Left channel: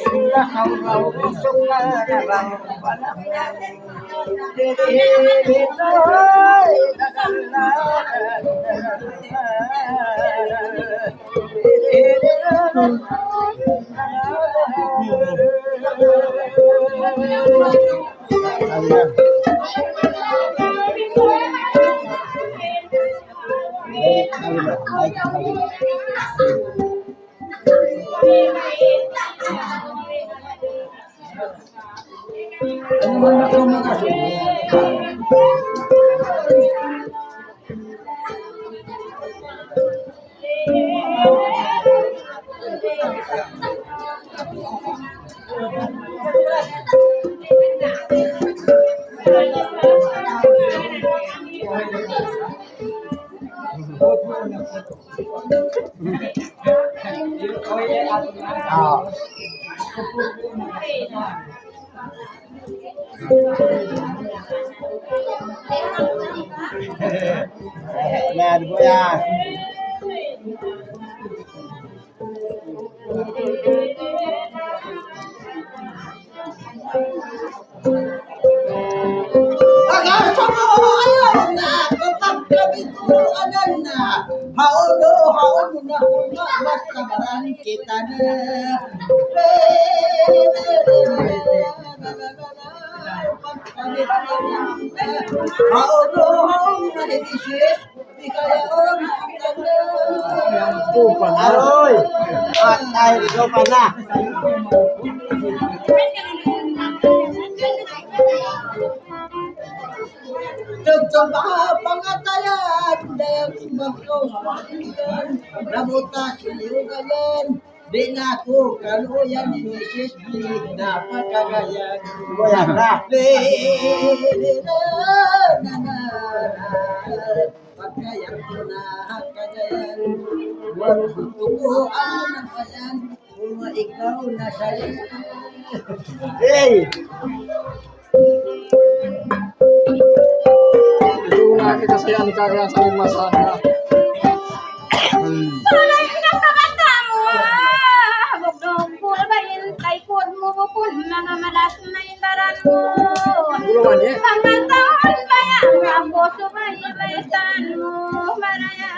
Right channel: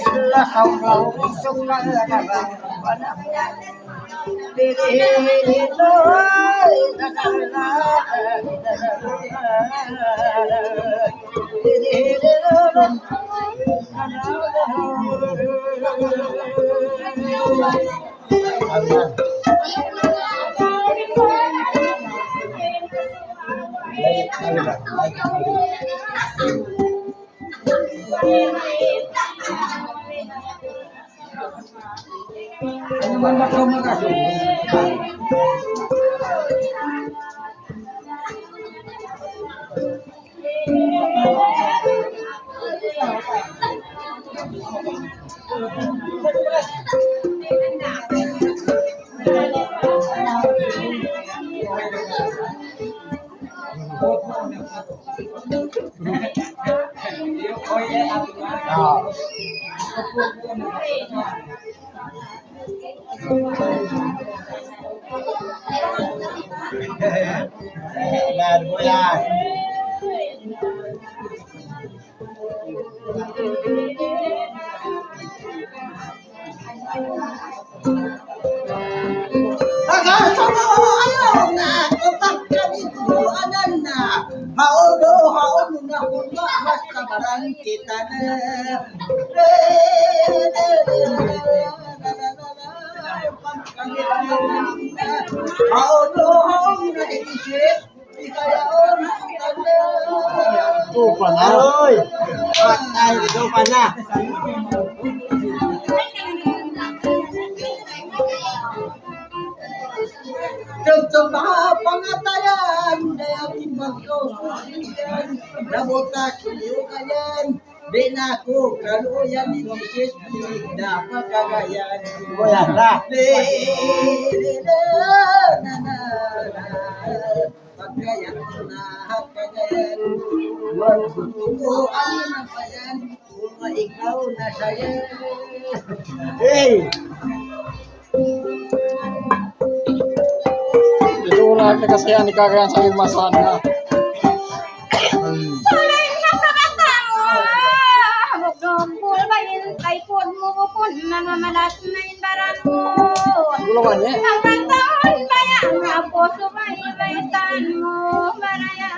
sila sauraw sumalarang ano man ako Lad mo yan. Ayaw na kapag kami ko anan na haon na kuna basta barang kita na haon na isis di kaya tupa na oy patay tupa na Coba pangatayan dayang magkausulian nabuta siyugayan di na ko kaluyan ni Moses di dapat kagayan boyan na pagkayan ko na kagayan magbubuan ng bayan kung ikaw na saya hey Lagi kasi ani kagayan sa limasan na. Tulay na kabata mo. Habog pul bayin kay pud mo pun mga malas na imbaran mo. Gulawan eh. Hanggang taon bayan ako sumay baytan mo maraya.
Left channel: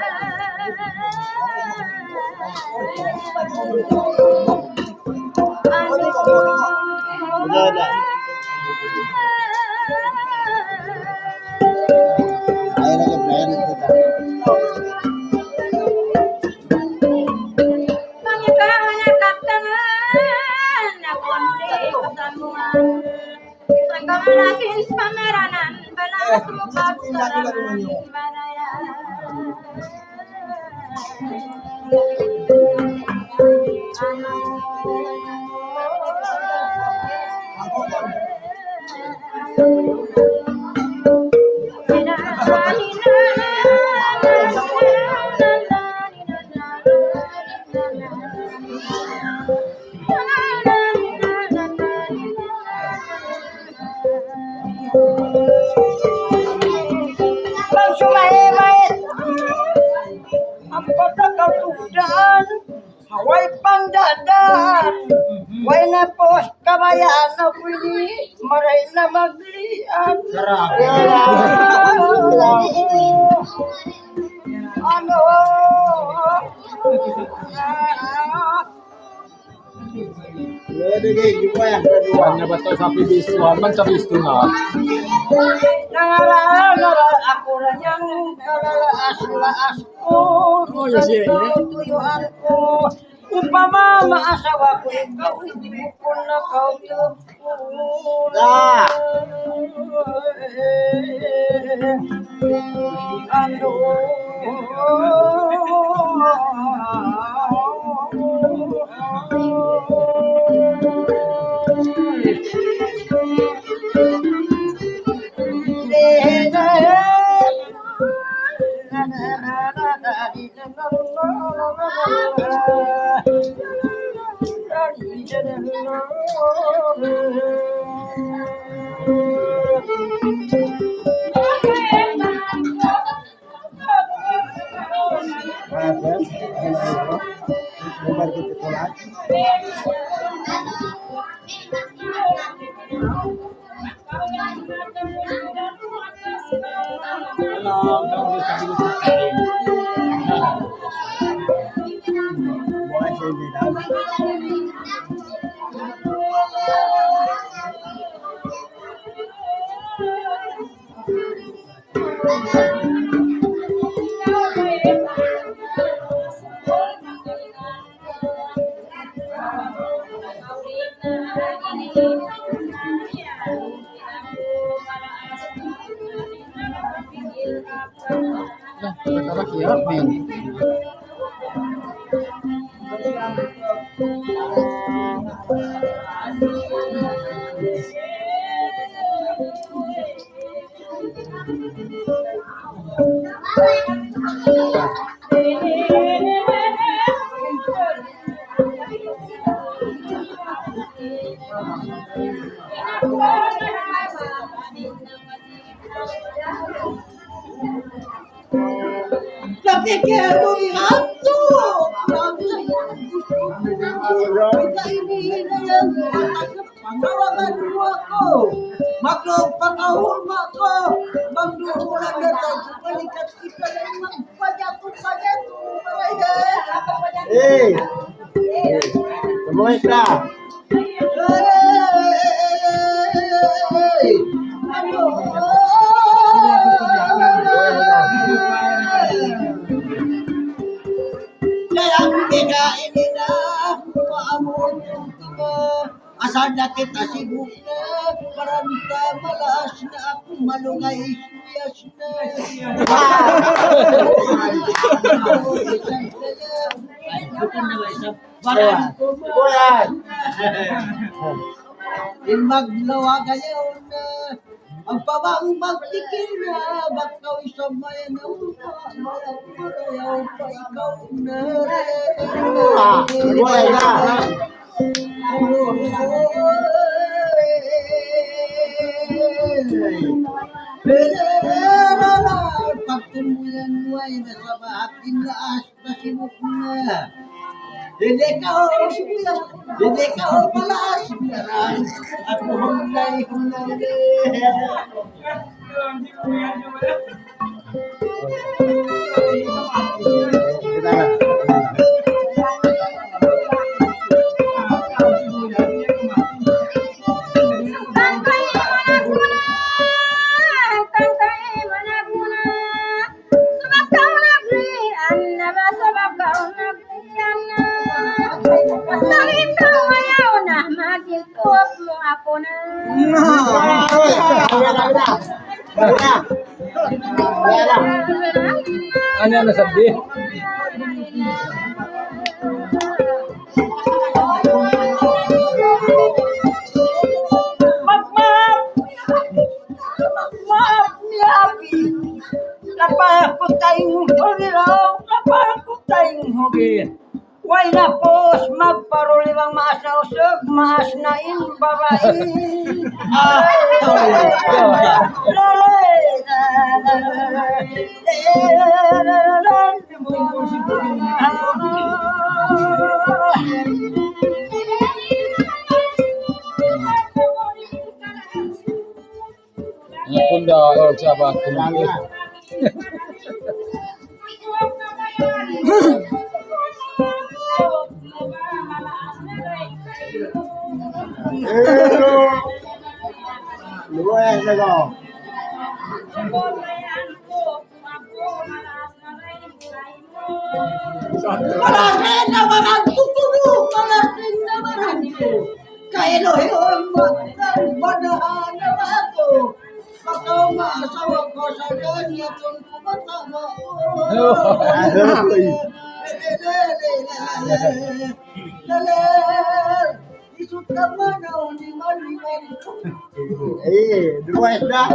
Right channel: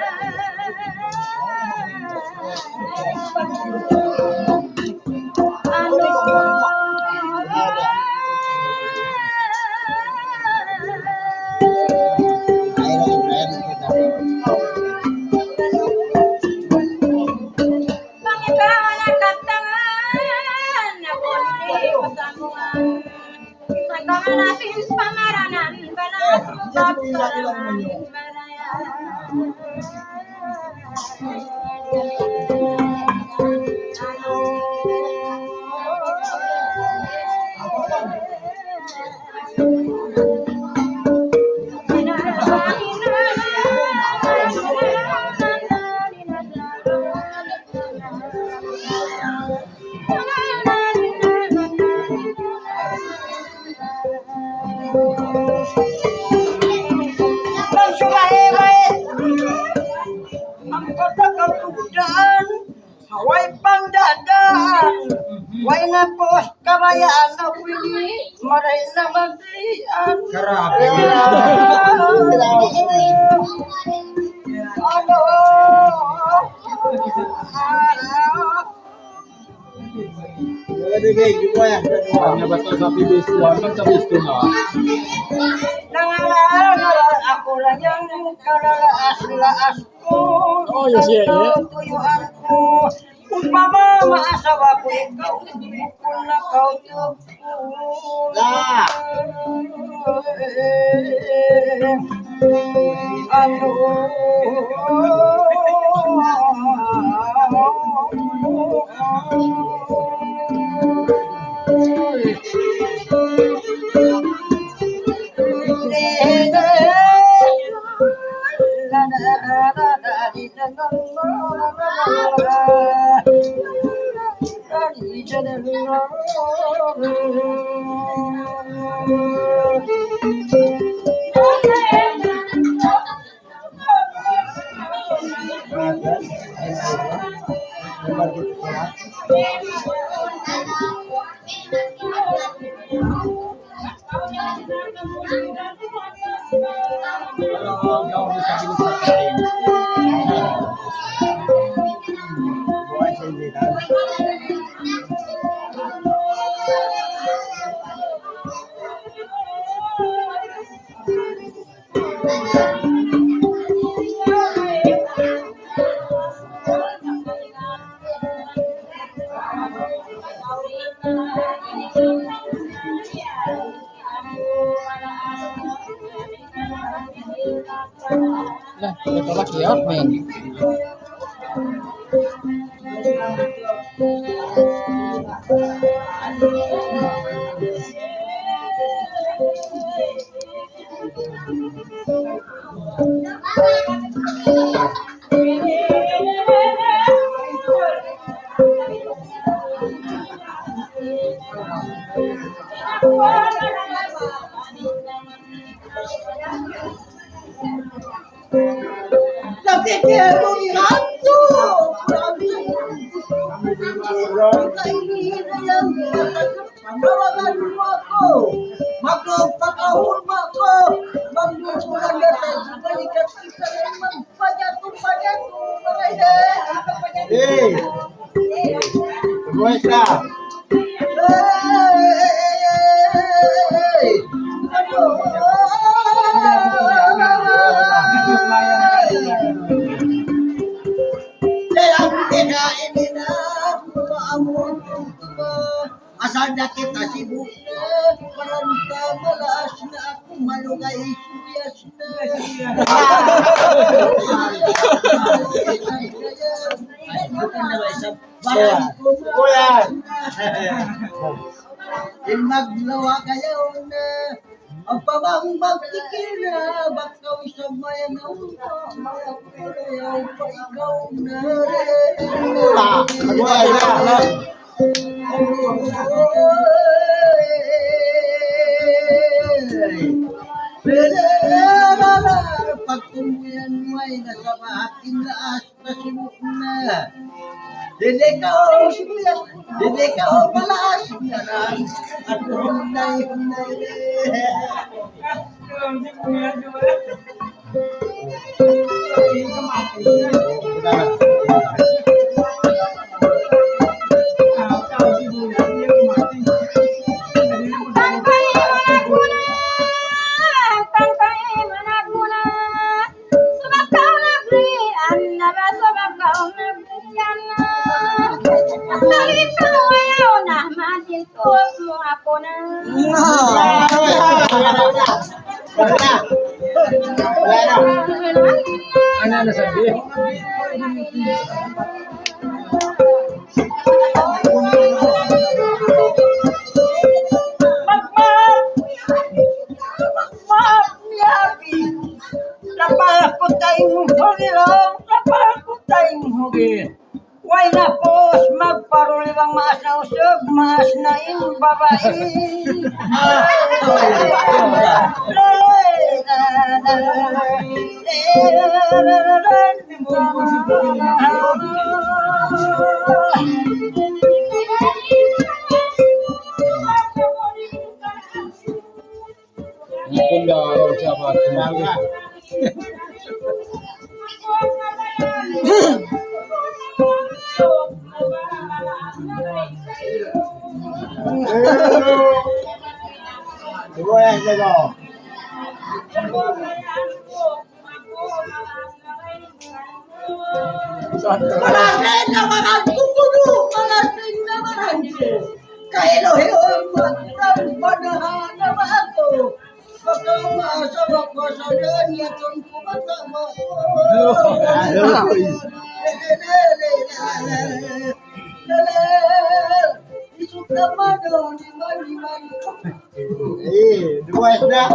Kamalasin pamaranan balas mo kapsarangan maraya Haway pangdadan way na pos kabayan na pwede maray na maglian grabe ano Ang basta sa pibistuan man sa bisto na. nangaral ako lang yung kalalaas ko Oh, yes, yeah, yeah. tuyuan ko upama maasawa ko ikaw ibukon na kautog ko ano Katarakiyat, men. Sabi kaya mo ihato. Grabe sa iyo. Panawagan mo ako. Magpakahulma ko. Magduhulan na tayo. Balikat kita lang magpajato-pajato. Eh, semuanya sah. Ano? Ang kinain na maamon asal na kita sibuk na paranta malas na ako malungay suyas na bukan na ba isang barang ko Bulan. maglawa kayo na ang pabang magtikil na bakaw isang mayanaw pa mayaw pa ikaw na Bulan lah. Pagtumuyan mo ay nasa maaking laas na sibuk na. Hindi ka o sibuyas, hindi ka o palaas na lang. At humnay. Tangkay managuna, sabab kau nagrian na ba sabab kau nagrian na. Talip kau ayaw na magituap mo ako na. Ano na sabi? Maaf niya, napakot tayong hugiraw, napakot tayong hugir. Why na pos, magparuliwang maas na usog, maas na babae. Ang punda o siapa kumangin. Bulan lah. Malasin naman ang kukulo, malasin naman ang ko. Kailohiyon magmanahan naman ako. Magkamasawa ko sa ganyan kumatama ko. Isut naman o, liman. Eh, dua dah.